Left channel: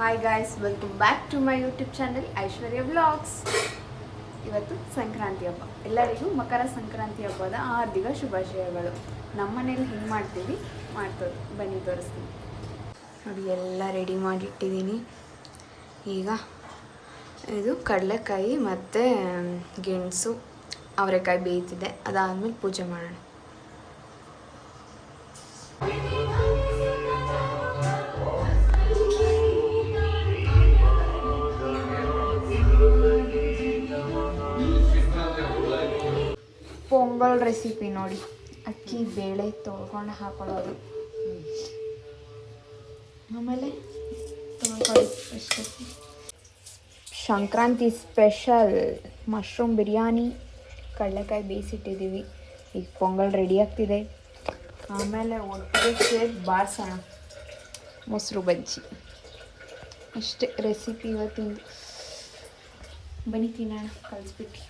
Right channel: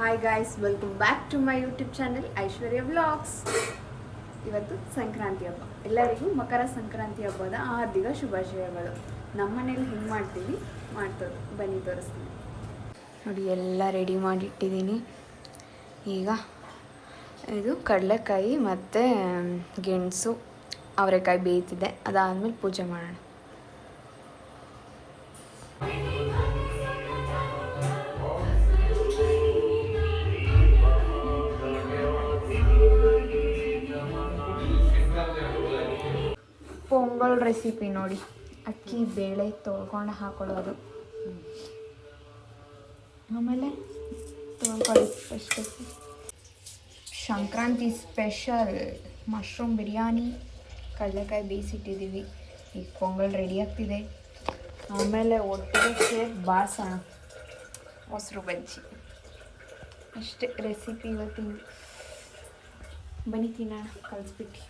Hi guys, welcome back to my YouTube channel Aishwarya vlogs. ಇವತ್ತು ಸಂಕ್ರಾಂತಿ ಹಬ್ಬ. ಎಲ್ಲರಿಗೂ ಮಕರ ಸಂಕ್ರಾಂತಿ ಹಬ್ಬದ ಹಾರ್ದಿಕ ಶುಭಾಶಯಗಳು. ನಮ್ಮ ಮನೇಲಿ ಹೆಂಗೆ ಮಾಡ್ತೀವಿ ಬನ್ನಿ ತೋರಿಸ್ತೀನಿ ನೋಡಿ. ಎಲ್ಲ ರೆಡಿ ಮಾಡಿಟ್ಟಿದ್ದೀನಿ. ಈಗ ಇದು ಕಡಲೆಕಾಯಿ ಮತ್ತು ಗೆಣಸು ಅವರೆಕಾಯಿ ಬೇಯ್ತಿದೆ. ಅದಾದಮೇಲೆ ಪೂಜೆ ಮಾಡೋಣ. ಪೊಂಗಲ್ ರೆಸಿಪಿ ನೋಡಿ. ಅಕ್ಕಿ ಬೇಳೆ ತೊಳ್ಕೊಂಡು ಹಾಕೊಳ್ಳೋದು, ಆಮೇಲೆ ತೊಳ್ಕೊಳ್ಳಿ ಅಷ್ಟೇ. ಸಂಕ್ರಾಂತಿ ಸ್ಪೆಷಲ್ ಮಶ್ರೂಮ್ ಬಿರಿಯಾನಿ, ಕಡಲೆಕಾಯಿ ಬೇಯಿಸಿಟ್ಟಿದ್ದೀವಿ. ಈಗ ಪೊಂಗಲ್ ರೆಡಿ ಆಗ್ತಿದೆ. ಆಮೇಲೆ ಒಟ್ಟಿಗೆ ಸೇರಿ ಬಾರ್ಸೋಣ ಮೊಸರು ಬಜ್ಜಿ. ಅಷ್ಟೇ ರೆಸಿಪಿ ಇವತ್ತಿನ. ಬನ್ನಿ ತಿನ್ನೋಣ ಕಲಿಸ್ಬಿಟ್ಟು.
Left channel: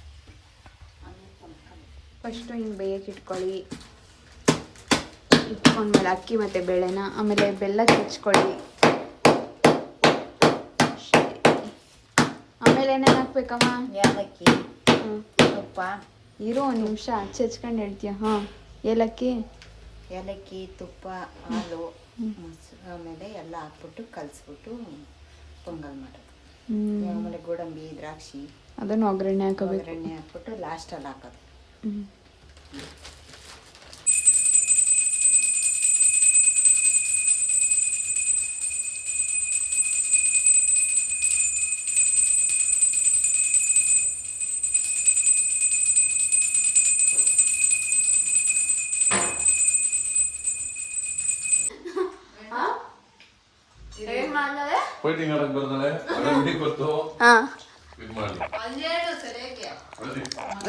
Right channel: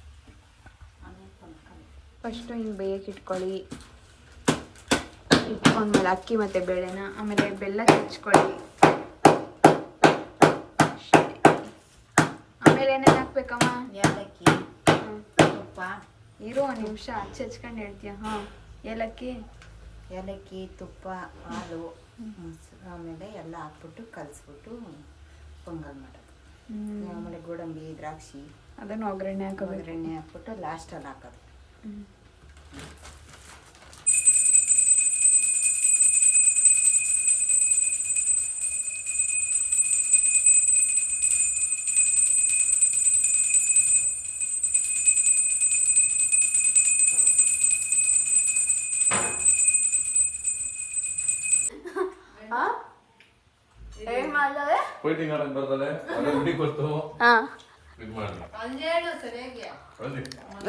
ಫಸ್ಟು ಹಿಂಗೆ ಬೇಯಕ್ಕೆ ಇಟ್ಕೊಂಡ್ಮೇಲೆ ಅಕ್ಕಿ ಮತ್ತು ಬೇಳೆನ, ಆಮೇಲೆ ಬೆಲ್ಲ ಹೆಚ್ಚಿಕೊಳ್ಳಿ. ಆಮೇಲೆ ಏನೇನು ಹಾಕ್ಬೇಕಮ್ಮ? ಏಲಕ್ಕಿ, ತುಪ್ಪ. ಇರೋ ಒಂದು ನಿಮಿಷ ಹೆಚ್ಕೊಂಡು ಹೇಳ್ತೀಯ. ಹಾಂ, ಏಲಕ್ಕಿ, ತುಪ್ಪ, ಹಾಲು, ಆಮೇಲೆ ಎಲ್ಲ ಹಾಕ್ಬಿಟ್ಟು ಕಲಿಸ್ಬಿಟ್ಟು ಪೊಂಗಲ್ ಮಾಡೋದು. ಆಮೇಲೆ ಗೋಡಂಬಿ, ದ್ರಾಕ್ಷಿ ಅದನ್ನು ಒಗ್ಗರಣೆ ಹಾಕ್ಬಿಟ್ಟು ಲಾಸ್ಟಲ್ಲಿ ಹಾಕೋದು.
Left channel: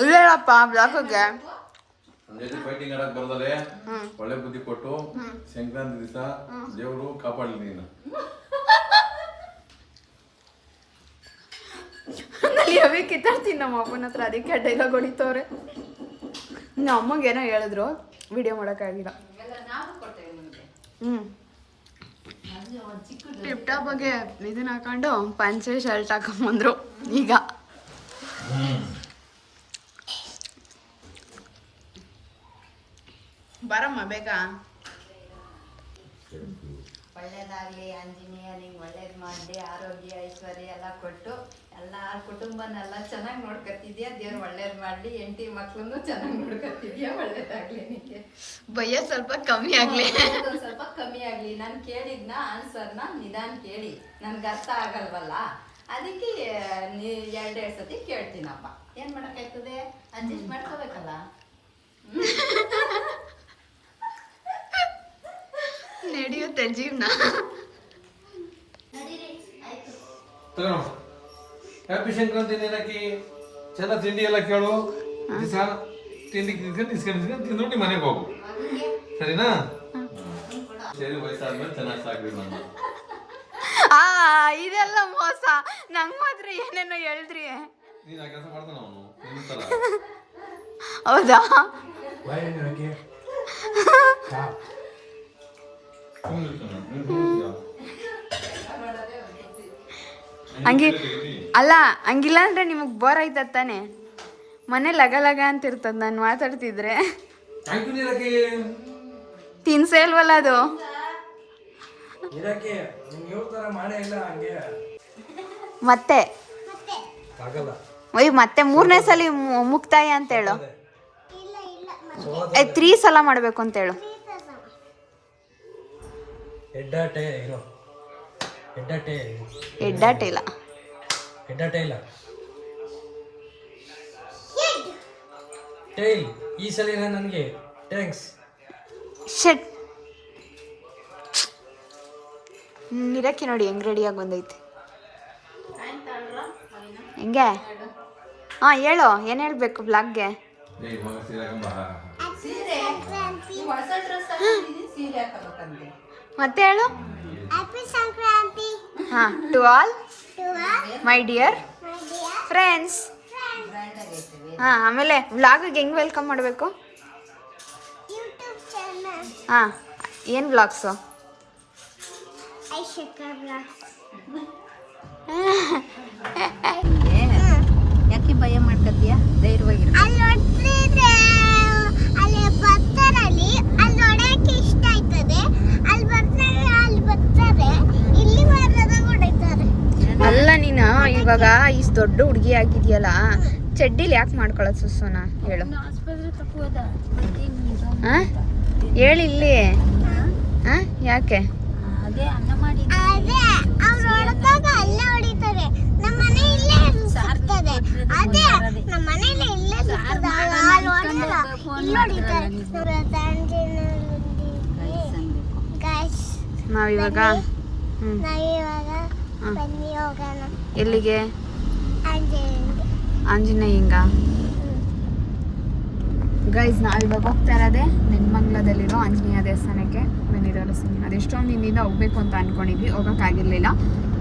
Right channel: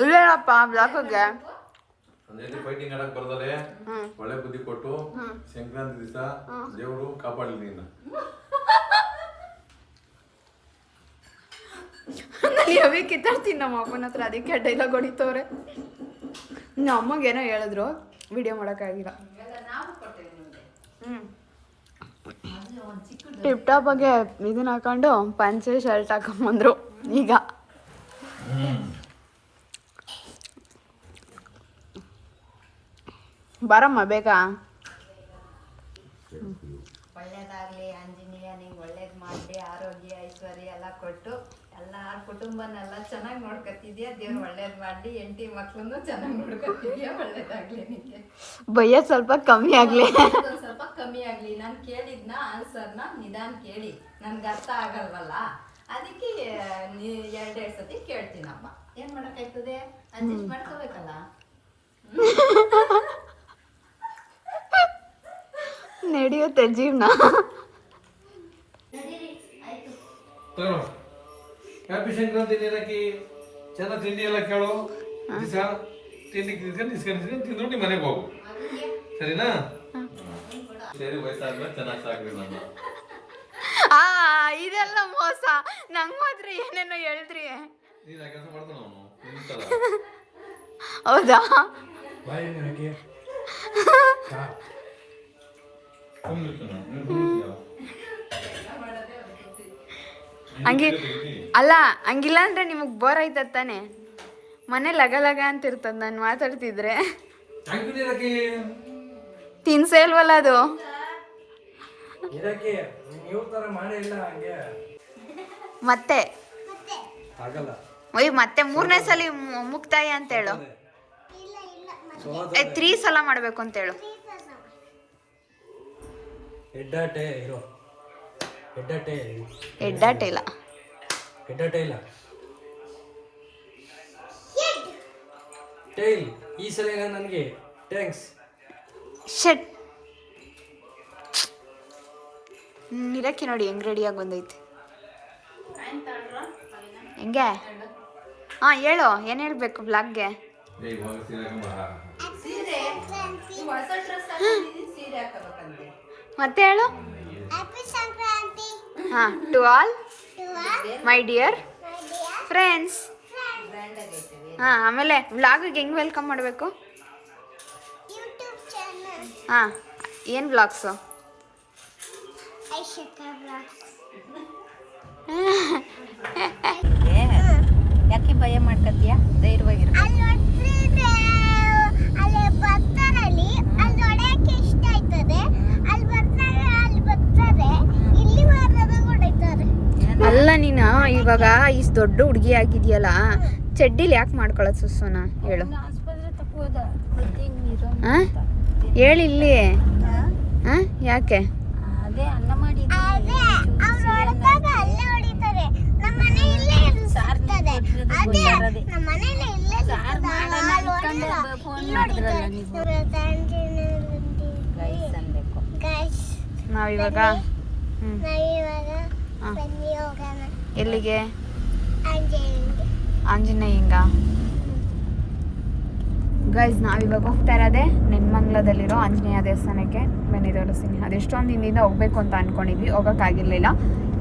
ಇಲ್ಲಪ್ಪ ಬ್ಲಾಕ್ಗೆ ಫೈಟಿಂಗ್ ಆಡಕ್ ಬರ್ದಲೆ ಒಳ್ಳೆ ಬುದ್ಧಿ ಕೊಟ್ಟು ಸಂಕ್ರಾಂತಿ ದಿವಸ ದೇವರು ಕಾಪಾಡಲಿ ನೀನು. ಯಾವೇ ಕಿತ್ತಾಡ್ತೀನಿ ನಮ್ಮ ಅಪ್ಪನ ಹತ್ರ, ಅದಕ್ಕೆ ಡೈಲಾಗ್ ಹೊಡಿತವ್ರೆ. ನಮ್ಮ ಅಮ್ಮಗೆ ಏನೋ ಹೇಳಿದ್ರು, ವಿಡಿಯೋ ಮಾಡೋಕ್ಕಾಗಿಲ್ಲ. ಟಿಪ್ ಟಾಪ್ ಬಗ್ಗೆ ಇದನ್ನ ಹಾಕೊಂಡು ಪಂಚೆ ಶರ್ಟ್ ಹಾಕೊಂಬಂದ್ರು. ಈಗ ಬರಮ್ಮ ಬೇಗ. ಒಳ್ಳೇದಾಗ್ಲಿ ಆಂಜನೇಯ, ನೀವು ಒಳ್ಳೇದು ಮಾಡಿ ಆರೋಗ್ಯ ಐಶ್ವರ್ಯ ಎಲ್ಲ ಕೊಟ್ಟು ಎಲ್ಲ ಕುಟುಂಬನೆಲ್ಲ ಚೆನ್ನಾಗಿ ನೋಡ್ಕೊತಿದ್ಯಾ. ದೇವ್ರು ಒಳ್ಳೇದು ಮಾಡಿ, ಹೆಂಡತಿ ಮಕ್ಳನ್ನು ಚೆನ್ನಾಗಿ ನೋಡ್ಕೊತಿದ್ಯಾ. ಒಳ್ಳೇದಾಗ್ಲಿ. ನಿಮಗೆ ಭಯ ಸ್ವಲ್ಪ ಕಮ್ಮಿ ಆಗ್ಲಿ, ಸ್ವಲ್ಪ ಕಮ್ಮಿ ಆಗ್ಲಿ. ನಾನು ಕೇಳಿದ್ನ ಆನ್ಸರ್ನ ನಿಧಾನ ಕೇಳಿ, ನನ್ಗೆ ಅರ್ಥ ಆಗಲ್ವಲ್ಲ, ಅದಕ್ಕೆ ಎರಡೆರಡು ಸತಿ ಕೇಳ್ತೀನಪ್ಪ. ಏನ್ ಮಾಡಕ್ಕಾಯ್ತದೆ, ಅಡ್ಜಸ್ಟ್ ಮಾಡ್ಕೋಬೇಕಲ್ಲ. ನಡೆಯುತ್ತೆ ಜೀವನ. ಹ್ಯಾಪಿ ಸಂಕ್ರಾಂತಿ ದಿನಕ್ಕೆ ಚೆನ್ನಾಗಿ ತಿಂಡಿ ಎಲ್ಲ ಕೇಳು. ದಿವಸ ತಿಂಡಿ ತಿಂದ್ಬಿಟ್ಟು ಮನೆಗೆ ಹೋಗು, ಸರಿನಾ? ಸರಿ, ವಯಸ್ಸಾದ್ಮೇಲೆ ಚೆನ್ನಾಗಿ ಸಾಕ್ರಿ ನನ್ನ. ಇದೆಲ್ಲ ಮೋಸ. ನಂಗೆ ಮಾತ್ರ ಏನೇನೋ ಹೇಳಿದ್ರಿ. ನೀನು ಆ ಕೆಲಸ ಮಾಡ್ತಾನ ಅವನು ನಿಂತಲ್ಲ. ಹೌದಾ? ಹಂಗೆ ಅಲ್ಲ, ಹಂಗಿಲ್ಲ ಅಂದ್ರೆ ನಿಮಗೆ ಬೋರ್ ಆಯ್ತದ ತಾನೆ. ಮನೆ ಲಗ ಲಗ ಅಂತ ಇರ್ತದ ನಾನು ಮಾತಾಡ್ತಿದ್ರೆ. ತಿನ್ಸೇ ಇಲ್ವಲ್ಲ ಅದು. ಮತ್ತೆ ಮತ್ತೆ 3ನೇ ಸಲ ಮುಕ್ತಾಯ ಅಂತ ಹೇಳು. 3 ಸಲ ಮಾಡ್ಬೇಕು ಅಂತ ಹೇಳು. ಹೆಡ್ಡಾಟೆ ಇಲ್ಲ. ಟೈಲ್. ಈ ಸಲ ನನಗೆ ಥ್ಯಾಂಕ್ಸ್. ಶಟ್. ಇರಕ್ಕೆ ನೋಡಿ ಹೆಂಗ್ ರೆಡಿಯಾಗಿ ಬಂದೈತೆ. ಹೆಂಗೆ? ಹಾಂ, ಹೇಳು. ಏನು ಹೇಳಬೇಕು ಬ್ಲಾಗ್ಗೆ? ಮತ್ತೆ ಹೇಳು. ಹಾಂ, to all my dear friends. ಹಾಂ, ಆಮೇಲೆ ವ್ಲಾಗಿಗೆ ಹೆಂಗೆ ವೆಲ್ಕಮ್ ಮಾಡಬೇಕು? ಹಾಂ, ಏನು ವ್ಲಾಗ್ಸು? ಯಾಕೆ ಭಯ ಮಾಡ್ಕೊತೀಯ? ಧೈರ್ಯವಾಗಿ ಅಲ್ಲ ನೀನು ಇವಾಗ ಇಷ್ಟು ದೊಡ್ಡ ಹುಡುಗಿ ಆಗಿದ್ಯಲ್ಲ, ಚಡ್ಡಿಲಿ ಯಾಕೆ ಮಾಡ್ಕೊಳ್ಳೋದು ಸುಸ್ಸುನ ಹೇಳು? ಹೇಳಿ ಇಲ್ಲಿ ಯಾಕೆ? ನಾವಿವಾಗ ಎಲ್ಲಿಗೆ? ಆಂಜನೇಯಂಗ. ಗೈಸ್ ನಾವಿವಾಗ ಹೋಗ್ತಾ ಇರೋದೆ ನೆನ್ಮಂಗ್ಲದಲ್ಲಿರೋ ಆಂಜನೇಯ ದೇವಸ್ಥಾನಕ್ಕೆ. ಬನ್ನಿ ತೋರಿಸ್ತೀನಿ. ಅದೆಷ್ಟೊಂದು ದಿನದಿಂದ ಹೋಗ್ಬೇಕು ಅಂತ ಅನ್ಕೊಂಡಿದ್ವಿ, ಹೋಗೋಕ್ಕಾಗಿರ್ಲಿಲ್ಲ.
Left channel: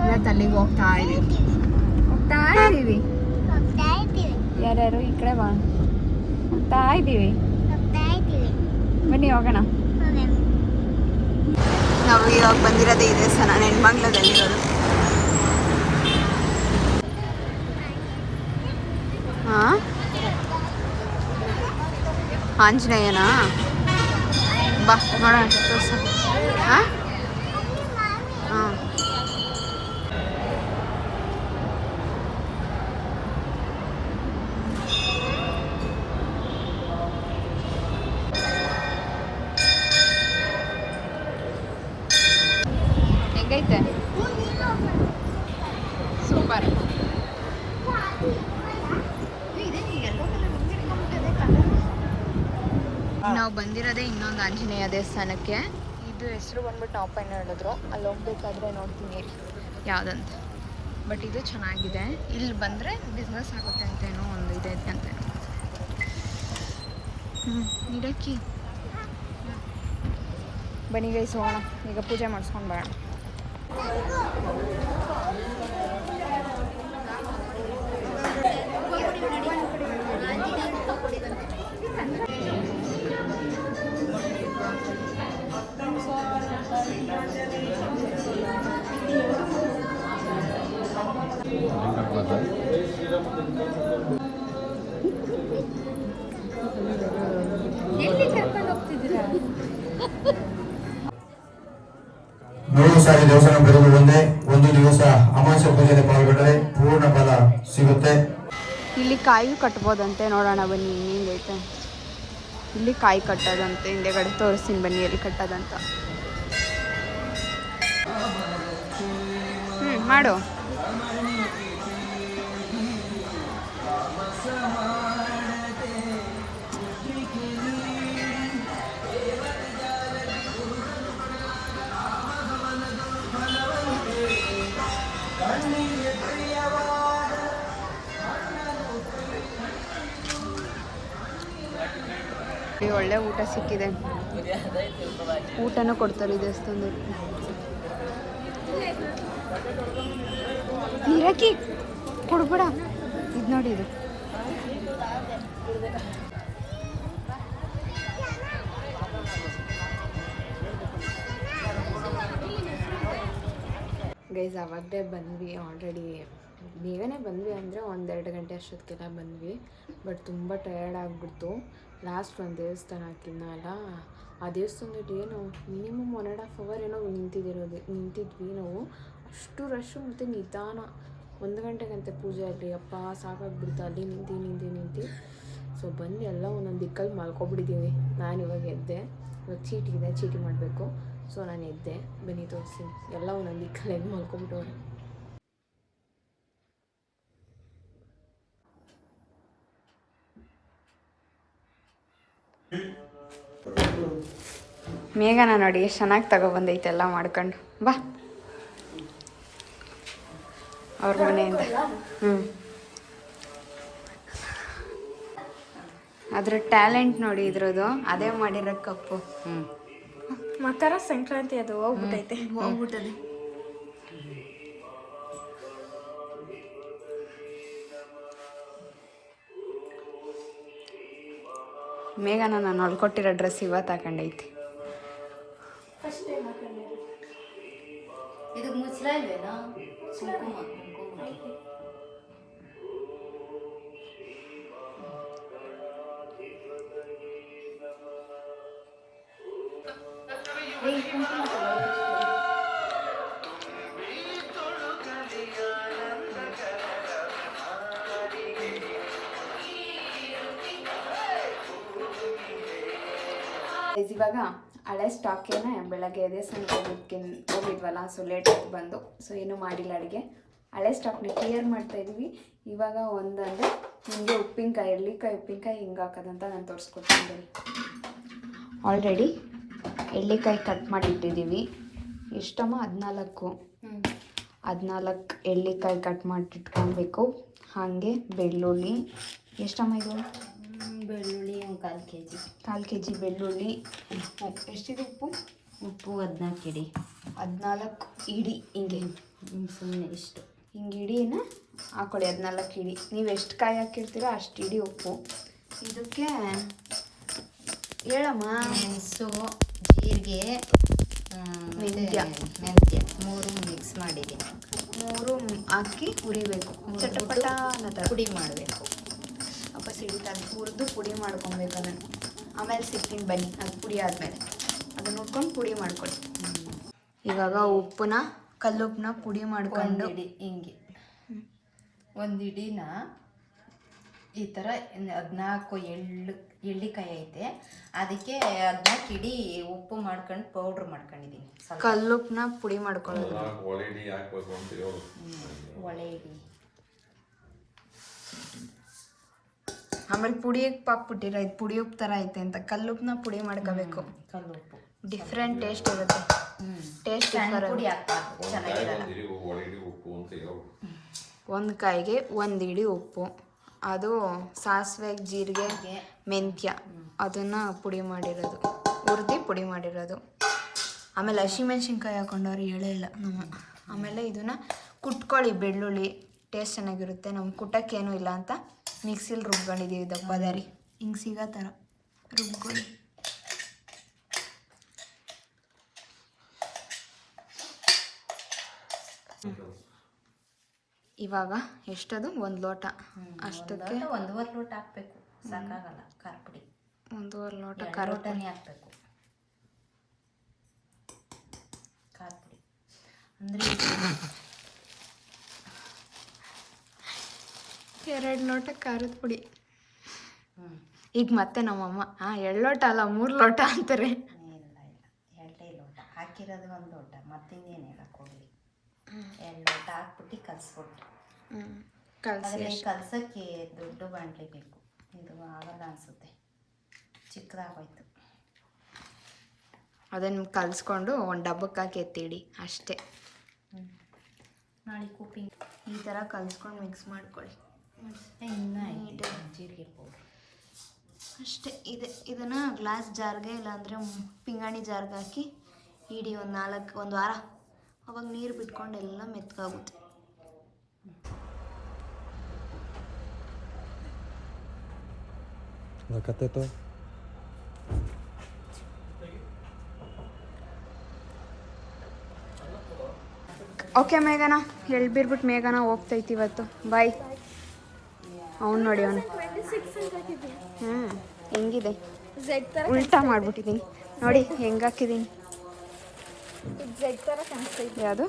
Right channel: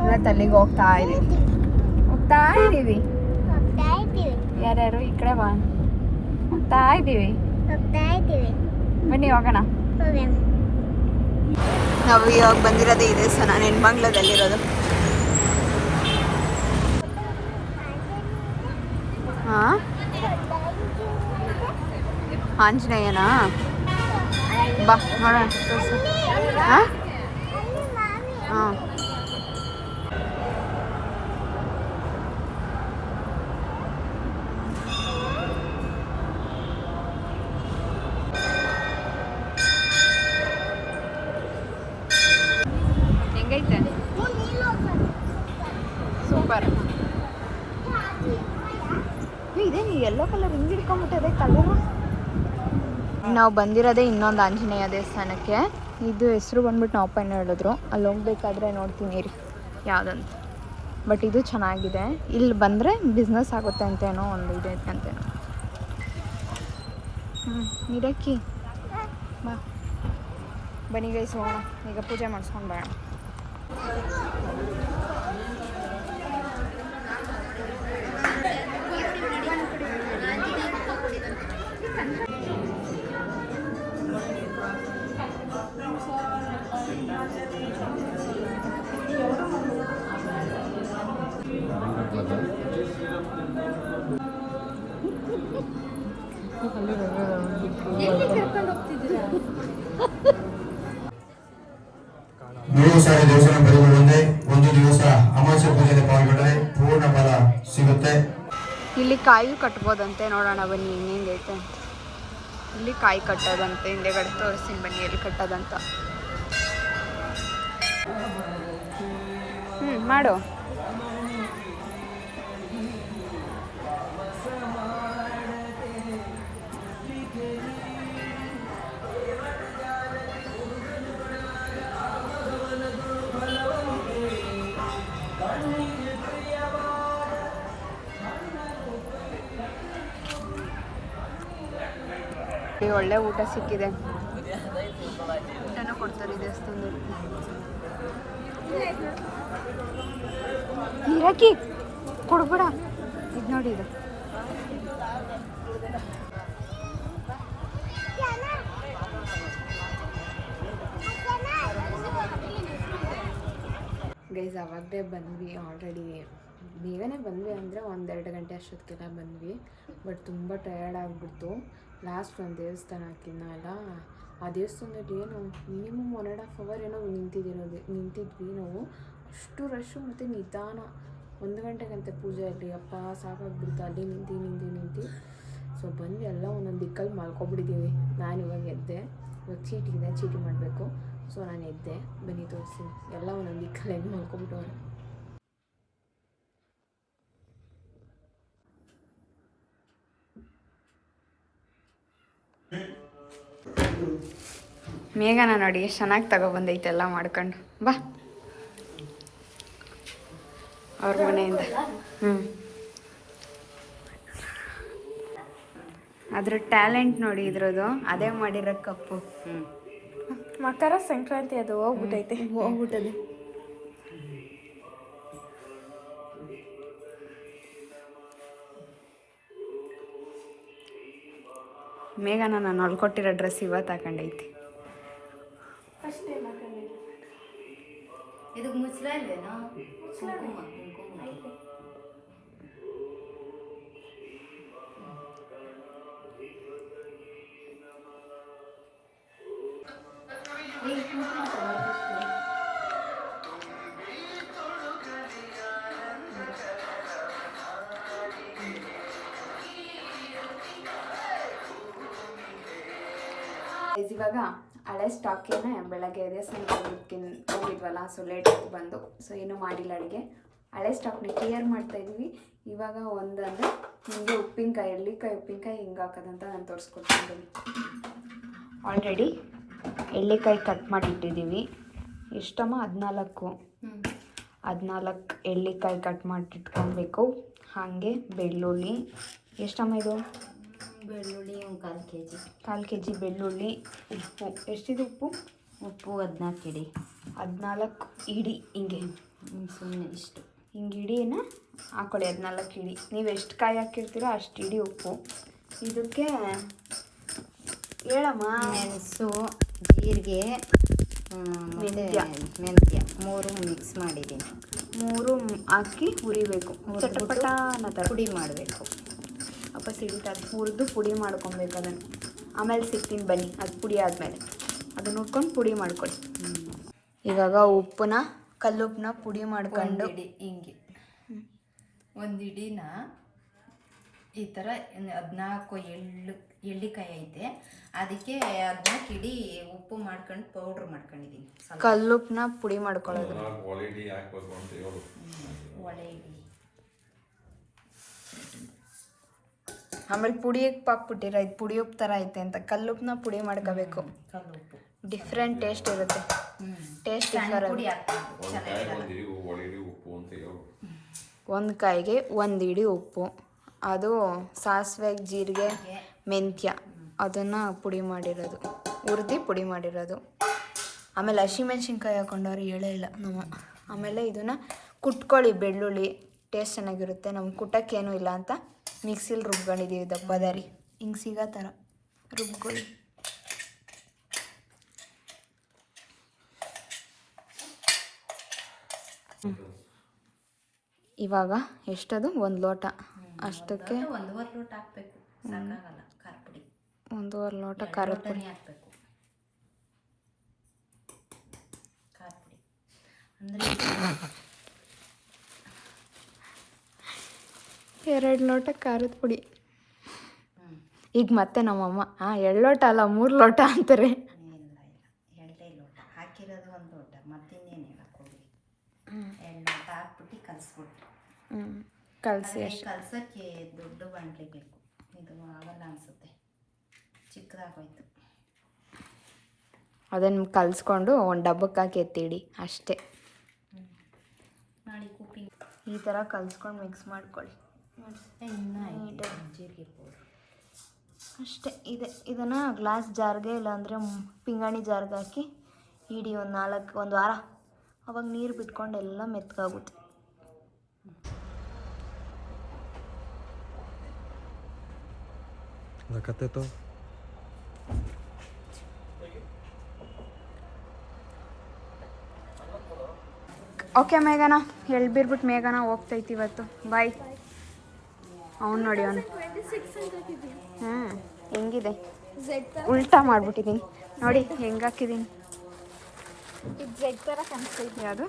ಇವತ್ತು ಅಲ್ಲಿಗೆ ಹೋಗ್ತಾ ಇದೀವಿ. ಯಾರ್ಯಾರು ಈ ಕಡೆ ಬಾ. ಹೋಗ್ತಾ ಇದ್ದೀವಿ. ಬನ್ನಿ ಹೋಗೋಣ. ನಾವು ಇವಾಗ ಬಂದಿರೋದೇ ಈ ದೇವಸ್ಥಾನ ನೆನ್ಮಂಗ್ಲದಲ್ಲಿರೋದು. ಹಾಂ, ಆಂಜನೇಯನಾ? ಬಾ ನೋಡೋಣ, ತೋರ್ಸು. ಹಾಂ ಹಾಂ, ಹೆಂಗೈತೆ? ಸೂಪರ್. ಇದೇನು ಎಲ್ಲೋ ಕಲರ್ ಹಿಂದಿರ್ಕೊಂಡ್ಬಿಟ್ಟಿದೆ ಕಲರು. ನಾವು ಬಂದಿರೋದೇ ಇನ್ನೊಂದು ಆಂಜನೇಯ ದೇವಸ್ಥಾನಕ್ಕೆ. ಇದು ಹೆಸರು ಬಂದ್ಬಿಟ್ಟು ನಾವು ಅಪ್ಪನ ಹೇಳಿದ್ರು. ಅಲ್ಲಿ ಹೋಗ್ಬೇಕಾದ್ರೆ ನೋಡ್ತೀನಿ ರೀ ಯಾವುದಂತ. ಬಟ್ ಇದು ಚೆನ್ನಾಗಿದೆ. ಇಲ್ಲಿ ಬಂದರೆ ಬಿಸ್ನೆಸ್ ಆಗುತ್ತೆ ಅಂತೇನೋ ಒಂದು ಇದೈತೆ ಅಂತೇನೋ. ನೀರಕ್ಕಿ ಬಾ. ಬನ್ನಿ ಗೈಸ್ ಹೋಗೋಣ. ಈಗ ಪೂಜೆ ಮಾಡಿಸ್ಕೊಂಡು ಬರೋಣ. ಎಲ್ಲಿ ಕರ್ಕೊಂಡು ಹೋಗ್ತಿದ್ದೀರಾ? 3 ಸಾರಿ ದೇವಸ್ಥಾನ ಬರುವುದೊಂದೇ. ಒಂದು ದಿವಸ ಅಮಾವಾಸ್ಯ ಪೂಜೆಯಲ್ಲಿ ಪಾಲ್ಗೊಂಡರೆ ಪೂರ್ಣ ಫಲ ಸಿಗುತ್ತೆ. ಇಲ್ಲಿ ಕಾಯಿ ಕಟ್ಬೋದಂತೆ. ನೋಡೋಣ ಬನ್ನಿ ಹೆಂಗೈತೆ ಅಂತ. ಇಲ್ಲಿ ಕಾಯಿ ಕಟ್ಟೋದಂತೆ. ಹಿಂದೆಗಡೆ ತೋರಿಸ್ತೀನಿ ಬನ್ನಿ ಎಲ್ಲಿ ಕಟ್ಟೋದಂತ. ಮಾಡು. ಒಳ್ಳೆ ಊಟ ಸಿಕ್ಕಿದೆ. ಊಟನೂ ಕೊಡ್ತಾರೆ ಈ ದೇವಸ್ಥಾನದಲ್ಲಿ. ನೀರಾಕಿ ಕೊಡ್ಬೇಡ. ಇದು ನೋಡಿ, ಇದು ಗೈಸ್ ಅವಾಗಲೇ ಬಂದ್ವಿ. ಆಲ್ರೆಡಿ ಬೇಗನೆ ಬಂದ್ವಿ ಅಂದರೆ 1-2 ಗಂಟೆ ಅಷ್ಟೊತ್ತಿಗೆಲ್ಲ ಬಂದ್ವಿ. ಬಟ್ ತುಂಬ ಟಯರ್ಡ್ ಆಗಿಬಿಡ್ತು. ಲಾಸ್ಟ್ ಒಂದು ದೇವಸ್ಥಾನ ಹಾಕಿದ್ನಲ್ಲ, ಆ ದೇವಸ್ಥಾನದಲ್ಲಿ ಏನು ಮಿನಿಮಮ್ 1.5 ಅವರ್ ಏನೋ ನಿಂತಿದ್ವಿ ನಾವು. ಅಷ್ಟು ರಶ್ಶು ಮತ್ತು ನಿಧಾನ. 1 ಗಂಟೆಗಂತೆ ಪೂಜೆಯಲ್ಲಿ. ಅಪ್ಪ ಸಾಕಾಗ್ಬಿಡ್ತು ಅಲ್ಲಿ ನಿಂತು. ಸೊ ಬಂದು ಎಲ್ಲ ಒಂದೊಂದು ದಿಕ್ಕಲ್ಲಿ ಮಲ್ಕೊಬಿಟ್ಟಿದ್ದೀವಿ. ನಾನು ಇವಾಗ ಎದ್ದೆ. ಇವಾಗ ಚೀಟಿ ಮಾಡಬೇಕು. ಸೊ ನಾನು ಎದ್ದೆ. ಬನ್ನಿ ತೋರಿಸ್ತೀನಿ. ಎಲ್ಲ ಒಂದೊಂದು ದಿಕ್ಕಲ್ಲಿ ಹೆಂಗೆ ಮಲ್ಕೊಬಿಟ್ಟವ್ರೆ. ಮೇಘನ ನೋಡಿ ಎಷ್ಟು ಚೆನ್ನಾಗಿ ತಗೊಬಂದೈತೆ ಎಲ್ಲ ಮಾಡ್ಕೊಂಡು. ಬಾ ಅವ್ರ ಮನೆಯಿಂದ. ಅದ್ರ ಟ್ಯಾಲೆಂಟ್ ನೋಡಿ ಇದ್ರದ್ದು. ಅದೇ ಮಾಡಿರೋ ಕಪ್ಪು. ಮಕರ ಸಂಕ್ರಾಂತಿ ಅದು ಹೋಗ್ಬಿಟ್ಟೈತೆ. ಹೋಗ್ಬಿಟ್ಟದೆ. ಮೇಘನ ನಾನು ಹೊಲ್ಕೊಟ್ಟಿರೋ ಡ್ರೆಸ್ ಇವತ್ತು ಹಾಕೊಂಡೈತಿ. ಇದಕ್ಕೆ ಮುಚ್ಚಲ ಇಲ್ವೇನೋ? ಕುಂಕುಮ ಕುಂಕುಮ ಕುಂಕುಮ ಇವಾಗ ಹಳೆ ಸ್ಟಾಕೇನೆ ಬೆಳಗ್ಗೆ ದೇವಸ್ಥಾನಕ್ಕೆ ಹೋಗಿದ್ವಲ್ಲ, ಸೊ ಲೇಟಾಗಿ ಬಂದು, ಸೊ ಏನೂ ಮಾಡಿಲ್ಲ ಅಡುಗೆ. ಹಳೆ ಸ್ಟಾಕ್ನ ಕ್ಲಿಯರ್ ಮಾಡ್ತಾ ಇದ್ದೀವಿ. ಇವಾಗ ಒಂದಂದರೆ ನಿಮಗೆ ಉಪ್ಪಿನಕಾಯಿ, ಎಳ್ಳಿಕಾಯಿ ಉಪ್ಪಿನಕಾಯಿ ಹಿಂಗೆ ಹಾಕೋದಂತ ನಾನು ತೋರಿಸ್ಕೊಡ್ತಿದ್ದೀನಿ. ಆಲ್ರೆಡಿ ಎಳ್ಳಿಕಾಯಿ ಕಟ್ ಮಾಡಿಟ್ಟಿದ್ದೀವಿ. ಎಷ್ಟಮ್ಮ? 14 ಎಳ್ಳಿಕಾಯಿ ಕಟ್ ಮಾಡಿಟ್ಕೊಬೇಕು. ಹಾಗೆ ಬೆಳ್ಳುಳ್ಳಿ ಎಷ್ಟಮ್ಮ ಇದು? ಬೆಳ್ಳುಳ್ಳಿ ಒಂದು 1/4 kg. 1/4 kg ಬೆಳ್ಳುಳ್ಳಿ. ಉಪ್ಪು ಎಷ್ಟಿದೆ? ಉಪ್ಪು 14 ಇಡಿ. 14 ಇಡಿ ಹಿಂಗೆ ಸುಮ್ಮನೆ ಇಷ್ಟು ಹಿಂಗೆ ಇಡಿನ ಹಾಕೊಳ್ಳಿ. 14 ಇಡಿ. ನೀವು ಎಷ್ಟು ಕಾಯಿ ಹಾಕಿರ್ತೀರೋ ಅಷ್ಟು ಇಡಿ ಉಪ್ಪು. ಇದಕ್ಕೆ ಹೇಳಮ್ಮ. ಮೆಣಸು, ಜೀರಿಗೆ, ಮೆಂತ್ಯ 3 ಮಿಕ್ಸ್ ಮಾಡಿದ್ದೀನಿ. 3 ಹಾಕಿ ಹುರಿಬೇಕು. ಚಟಪಟ ಅನ್ನೋ ಪುಡಿ ಮಾಡಬೇಕು. ಅಪ್ಪ ಸಿಡಿತದೆ. ಹುರಿದು ಪುಡಿ ಮಾಡ್ಕೊಬೇಕು ಅದನ್ನು. ಆಮೇಲೆ ಸಿಗ್ತೀನಿ ಬನ್ನಿ, ಅದು ಪುಡಿ ಆದಮೇಲೆ ಅದನ್ನ ನೋಡ್ಕೊಂಡು ಪುಡಿ ಮಾಡ್ಕೊಳ್ಳಿ. ಇವಾಗ ಉಪ್ಪನ್ನ, ಕಲ್ಲುಪ್ಪನ್ನ ಪುಡಿ ಮಾಡ್ಕೊಂಡು ಹಿಂಗೆ ಒಂದು ಇಡಿನ ಈ ಥರ 14 ಎಳ್ಳಿಕಾಯಿ ಐತೆ, ಅದಕ್ಕೆ 14 ಇಡಿ ಉಪ್ಪು ಮಾಡ್ಕೊಂಡು ಪೌಡ್ರ್ ಮಾಡ್ಕೊಂಡಿದ್ದೀನಿ. ಕಲ್ಲುಪ್ಪನ್ನ ಪುಡಿ ಮಾಡ್ಕೊಳ್ಳೋದು. ಒಳ್ಳೆ ಹಾಕ್ಬೇಕು ಅಂತ ಹೇಳು. ಒಳ್ಳೆ ಇಡಿ. ಆಮೇಲೆ ಪುಡಿ ಹಾಕ್ಬಿಟ್ಟಿರ, ಇದು ಪುಡಿ ಉಪ್ಪು ಥರ ಐತೆ ಅಂತ. ಕಲ್ಲುಪ್ಪನ್ನ ಪುಡಿ ಮಾಡ್ಕೋಬೇಕು. ಕಲ್ಲುಪ್ಪು ಡಿಫ್ರೆಂಟ್ ಟೇಸ್ಟ್ ಇರುತ್ತೆ. ಟೇಸ್ಟ್ ಪುಡಿ ಹಾಕ್ಬೇಕು, ಚೆನ್ನಾಗಿರಲ್ಲ. ಉಪ್ಪು ಅಂತ ಹೇಳು. ಒಂದು ಕಾಯಿಗೆ 1 ಇಡಿ ಉಪ್ಪು, ಅದು ಸಾಸಿವೆ, ಜೀರಿಗೆ, ಮೆಂತ್ಯ ಅದನ್ನು ಪುಡಿ ಮಾಡಿರೋದು, ಹುರಿದು ಪುಡಿ ಮಾಡಿರೋದು. ಆಮೇಲೆ ಹಸಿಮೆಣ್ಸಿನ್ಕಾಯಿ ಹಾಕೊಂಡವ್ರು ಹೇಳೇ ಇಲ್ಲ ನಮ್ಮ. ಆಮೇಲೆ ಇದನ್ನು ಕುಟ್ಕೊಳ್ಳಿ. ಬೆಳ್ಳುಳ್ಳಿ ಟೇಸ್ಟ್ ಚೆನ್ನಾಗಿರುತ್ತೆ. ನಮ್ಗೆ ಕುಟ್ಟಕ್ಕೇನೂ ಇಲ್ಲ ಅಂತ ಮಿಕ್ಸಿಲಿ ರುಬ್ಕೊಂಡಿದ್ದೀವಿ. ದಪ್ಪದಾರಿ ಹಿಂಗೆ ಸಿಗೋ ಥರ ರುಬ್ಕೊಳ್ಳಿ. ಇವಾಗ ಎಷ್ಟದು? 1 ಲೋಟ. ಅಷ್ಟಕ್ಕೆ 1.5 ಲೋಟ ಹಾಕಬೇಕು, ಸಾಕಾಗಲ್ಲ. ಖಾರ ಪುಡಿ 1.5 ಲೋಟ ಖಾರದ ಪುಡಿ ಹಾಕಬೇಕು. ಖಾರ ಪುಡಿ ಅಂದರೆ 2 ಲೋಟ ಖಾರದ ಪುಡಿ. ಈಗ ಮತ್ತೆ ನಮ್ಮಮ್ಮ 2 ಲೋಟ ಅಲ್ಲ 3 ಲೋಟ ಅಂತಾರೆ. ಇಲ್ಲ 2 ಲೋಟ ಹಾಕಿರೋದು 1 ಲೋಟ, ಮತ್ತಿನ್ನೇನು ಹೇಳಕ್ಕೆ ಹೋಗಲಿ. 2 ಲೋಟ ಹಾಕ್ಬಿಟ್ಟು ಕಲಿಸ್ಬಿಟ್ರು. ಕಲಸಿ ಕಲ್ಸೋಕ್ಕೆ ದೊಡ್ಡ ಬಾಣಲೆ ಬೇಕು. ಇದು ಆಗಲ್ಲ ಅನಿಸುತ್ತೆ, ಚಿಕ್ಕದಾಗೋಯ್ತು. ಅದನ್ನು ಕಲಿಸ್ಕೊಂಡು ಒಂದು ಡಬ್ಬಕ್ಕೆ ಹಾಕಿ ಎತ್ತಿಡಿ ಅಷ್ಟೇ. ನಾಳೆ ಕುಪ್ಪಿಂಗ್ ಈ ಥರ ಕಲಿಸ್ಕೊಂಡು ಮಿಕ್ಸ್ ಮಾಡ್ಕೊಳ್ಳಿ. ಇನ್ನೂ ಜೀರಿಗೆ ಪೌಡ್ರ್ ಅಷ್ಟೇ ಇದೆ. ಇದನ್ನು ಗ್ಲಾಸ್ ಜಾರ್ಗೆ ಇಲ್ಲಾಂದರೆ ಪಿಂಗಾಣಿ ಜಾರ್ಗೆ ಹಾಕಿ ಇಡಿ ಒಂದು ವಾರ. ಅವಾಗ ನೀರು ಬಿಟ್ಕೊಂಡು ಎಲ್ಲ ಮೆತ್ತಗಾಗುತ್ತೆ. ಕತ್ತೆ ಓಕೆ ಮೇಘನಾ, ಎಳ್ಬಿರ್ಬಿಟ್ಟು ಮೇಘನಾ ಹೋಗ್ತೈತಿ ಇವತ್ತು. ಬಾಯ್. ಅವ್ನು ನೋಡಿ ಅವನು ಹೆಂಗಿದೆ, ಉಲ್ಟಾ ಮಾಡಿಬಿಟ್ಟಿದ್ದೀನಿ ನೋಡಿ ಹೆಂಗೆ ಹಾಕಿದ್ದೀನಿ. ಯಾವುದು?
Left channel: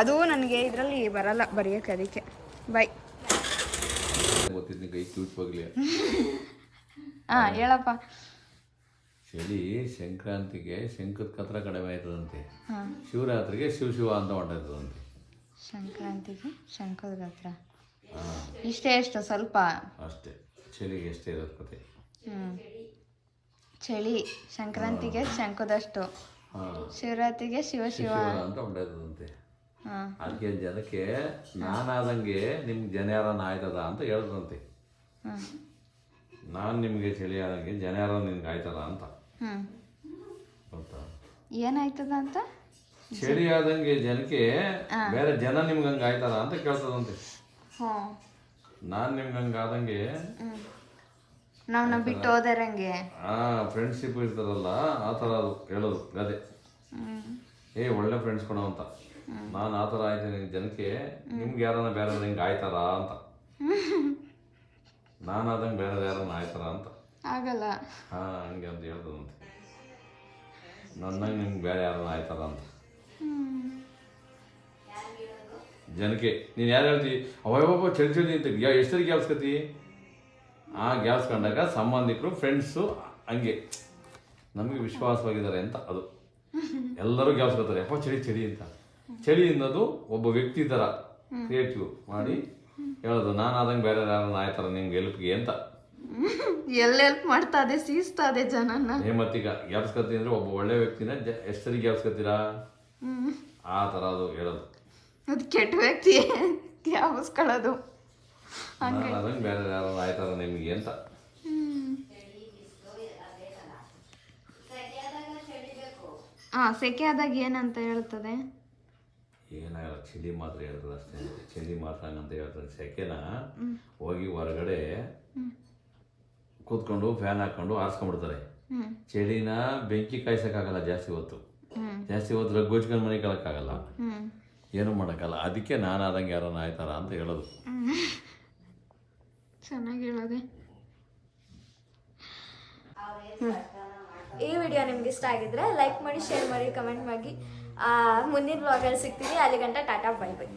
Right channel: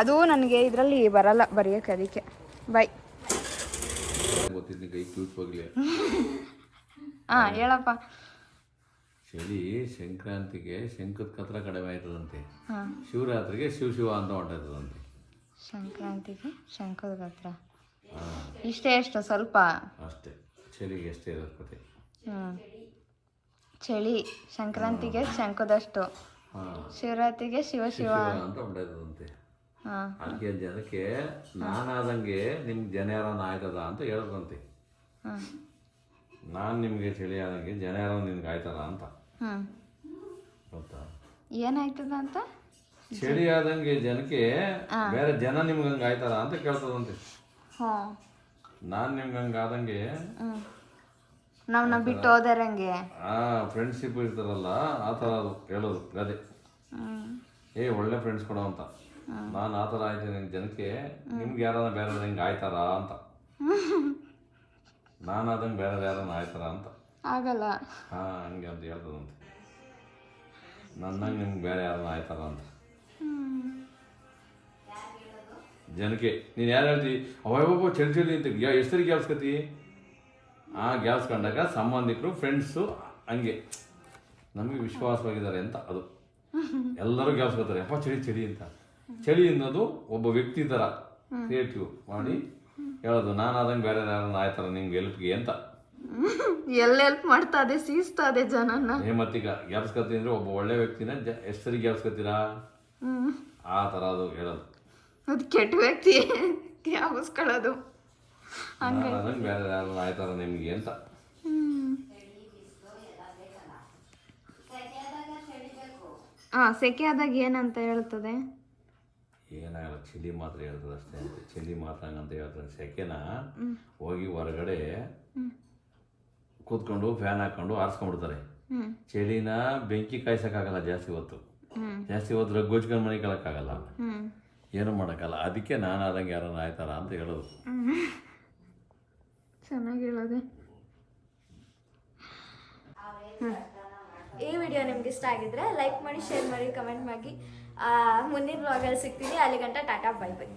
ಅದು ನನಗೆ ಇದರಲ್ಲಿ ಬರಲ್ಲ ಬರೆಯೋಕ್ಕೆ, ಅದಕ್ಕೆ. ಬಾಯ್. ಹಾಂ ಹೇಳಪ್ಪ. ಚಳಿ ಸಂಕ್ರಾಂತಿಗೆ ಶಂಕದ ಕತ್ರ ಕಡಿಮೆ ಆಯ್ತದಂತೆ, ಶಿವರಾತ್ರಿಗೆ ಶಿವ ಅಂತ ಹೊಂಟೈತದಂತೆ. ಸಂಕ್ರಾಂತಿಗೆ ಶಂಕದ ಹತ್ರ ಇಷ್ಟೇ. ಎಷ್ಟು ಸ್ವಲ್ಪ ಅಷ್ಟೇ. ಚಳಿಗೆ ಎಷ್ಟೇ ಇರೋದು ಕತೆ. ಚಳಿ ಸಂಕ್ರಾಂತಿಗೆ ಶಂಕದಷ್ಟು, ಶಿವರಾತ್ರಿಗೆ ಶಿವ ಅಂತ ಹೊಂಟೈತದಂತೆ. ಅದಕ್ಕೆ ಜನಕ್ಕೆ ನಾನಾದಂಗೆ ನಿಮ್ಗೆ ಜನ ಯಾರನ್ನ ಆಯ್ತದ ಅಂತ ಹೇಳ್ದಂತೆ. ನಾನು ನಿಮಗೆ ಚಳಿ ಆದಂಗೆ ಜನ ಯಾರ ನಿನ್ಗೆ ಆಯ್ತದ ಅಂತ. ಗೊತ್ತಾ ಏನಾಯ್ತದ ಅಂತ? ಚಳಿ ಆದಂಗೆ ಜನಕ್ಕೆ ಬೇರೆ ಜನ ನಿಮ್ಗೆ ಹಂಗೆ ಆಯ್ತದ ಅಂತ ಕೇಳ್ತದಂತೆ. ನಾನು ನಿಮ್ಗೆ ಹಂಗೆ ಆದಂಗೆ ನಾವು ಬಿಟ್ಟು ಹೋದರಂಗೆ ಫ್ರೆಂಡ್ಶಿಪ್ ಇರ್ತಾರಲ್ಲ ಆ ಥರ ಅದು ಹೇಳೋದು ಗಾದೆ. ಒಳ್ಳೆ ಫ್ರೆಂಡ್ಸ್ ಕೊಡೋ ಅಂತ. ನಾನು ಆ ಥರ ಆಯ್ತೀನಿ ಜನಕ್ಕೆ, ನಿಮ್ಗೆ ಯಾರನ್ನ ಬೇರೆ ಹಿಂಗೆ ಆಯ್ತಾರ ಅಂತ. ನಾನಾದಂಗೆ ಬೇರೆ ಯಾರನ್ನ ಆಯ್ತಾರ ಅಂತ ಆಗಲ್ಲ. ಹಂಗೆ ಅಂತ ಹೇಳ್ತದಂತೆ. ನನ್ನಂಗೆ ನಿಮ್ಗೆ ಬೇರೆ ಯಾರನ್ನ ಆಯ್ತಾರ ಅಂತ ಜನಕ್ಕೆ. ನೀನು ಯಾರು ಹೇಳ್ತೀವಿ ಅವಯವ ಚಳಿ ಅಂತ ಎಷ್ಟು ಸರಿ ಗ್ಯಾಪ್ಸ್ಕತಿ, ಆ ಗ್ಯಾಪ್ಸ್ಕೊಂಡಾಗ ಸಂಬಂಧಿಕರು ಫ್ರೆಂಡ್ಸು ಹಂಗೆ ನಮಗೆ ವಿಶ್ವಾಸವಾಗಿದ್ದಾರೆ ಅಂತ. ಅದು ಎಲ್ಲರೂ ಗ್ಯಾಪ್ಸ್ಕೊತಾರೆ, ಅಪ್ಪ ಚಳಿ ಅಂತ. ಚಳಿ ಅನ್ನೋದು ಒಬ್ಬ ವ್ಯಕ್ತಿ ಥರ ಕ್ರಿಯೇಟಿವ್ ಮಾಡಿ ಹೇಳೋದು, ನಾನಾದಂಗೆ ಬೇರೆ ಯಾರನ್ನ ಆಯ್ತಾರ ನಿಮ್ಗೆ ಹೆಲ್ಪ್ಗೆ ಅಂತ. ಎಲ್ಲ ಹೆಲ್ಪ್ ಮಾಡ್ತಾ ಇದೆ, ಸೀಸ್ತಾ ಇದೆ ಜನನ್ನ. ಮತ್ತೀಗ ಗ್ಯಾಪ್ಸ್ಕತಿ ಅಂದರೆ ಒಬ್ಬ ಒಳ್ಳೆ ವ್ಯಕ್ತಿನ ಎಷ್ಟು ಸರಿ ಗ್ಯಾಪ್ಸ್ಕೊತೀರಾ, ಆ ಥರ ಅದು ಹೇಳೋದು. ಅದು ಕೆಟ್ಟ ವ್ಯಕ್ತಿ ಯಾವಸ್ಕೊಳ್ಳೋದು. ನಾನಾದಂಗೆ ಬೇರೆ ಯಾರನ್ನ ಆಯ್ತಾರ ನಿಮಗೆ ಅಂತ. ಸೆಕೆ ಆದಾಗ ಏನಂತ ಹೇಳ್ತದೆ? ಏನಾಗಲ್ಲ, ಚಳಿ ಮಾತ್ರ ಹೇಳ್ತದೆ ಅಷ್ಟೇ ಅಂತ. ಚಳಿ ಮಾತ್ರ ಹಂಗಂತ ಹೇಳ್ತದೆ. ಸೆಕೆನ ಹೋಗಿ ಹೊರಗಡೆ ಕೂತ್ಕೊಂಡು ಫ್ಯಾನ್ ಹಾಕೊಂಡು ಆರಿಸ್ಕೊಂಡ್ಬಿಡ್ತಾರೆ. ಚಳಿನ ಬೆಂಕಿ ಕಾಯ್ಸೋಕ್ಕಾಗಲ್ಲ ಜಾಸ್ತಿ ಹೊತ್ತು ರಗ್ಗೋಚ್ಕೊಂಡು ಮನೆ ಕಳಕ್ಕಾಗಲ್ಲ, ಏನು ಮಾಡೋಕ್ಕಲ್ಲ. ಅದಕ್ಕೆ ನಾನಾದಂಗೆ ಯಾರನ್ನ ಆಯ್ತಾರ ಅಂತ ಹೇಳೋದು. ಚೆನ್ನಾಗಿ ಹೇಳೋದೆ. ಈ ವಿಡಿಯೋ ನಿಮ್ಗೆ ಇಷ್ಟ ಆಗಿದ್ರೆ ಲೈಕ್ ಮಾಡಿ, ಶೇರ್ ಮಾಡಿ, ಕಮೆಂಟ್ ಮಾಡಿ. ಮುಂದಿನ ವ್ಲಾಗಲ್ಲಿ ಸಿಗ್ತೀನಿ. ಅಲ್ಲಿಗಂಟ ಟಾಟಾ, ಬೈ ಬೈ.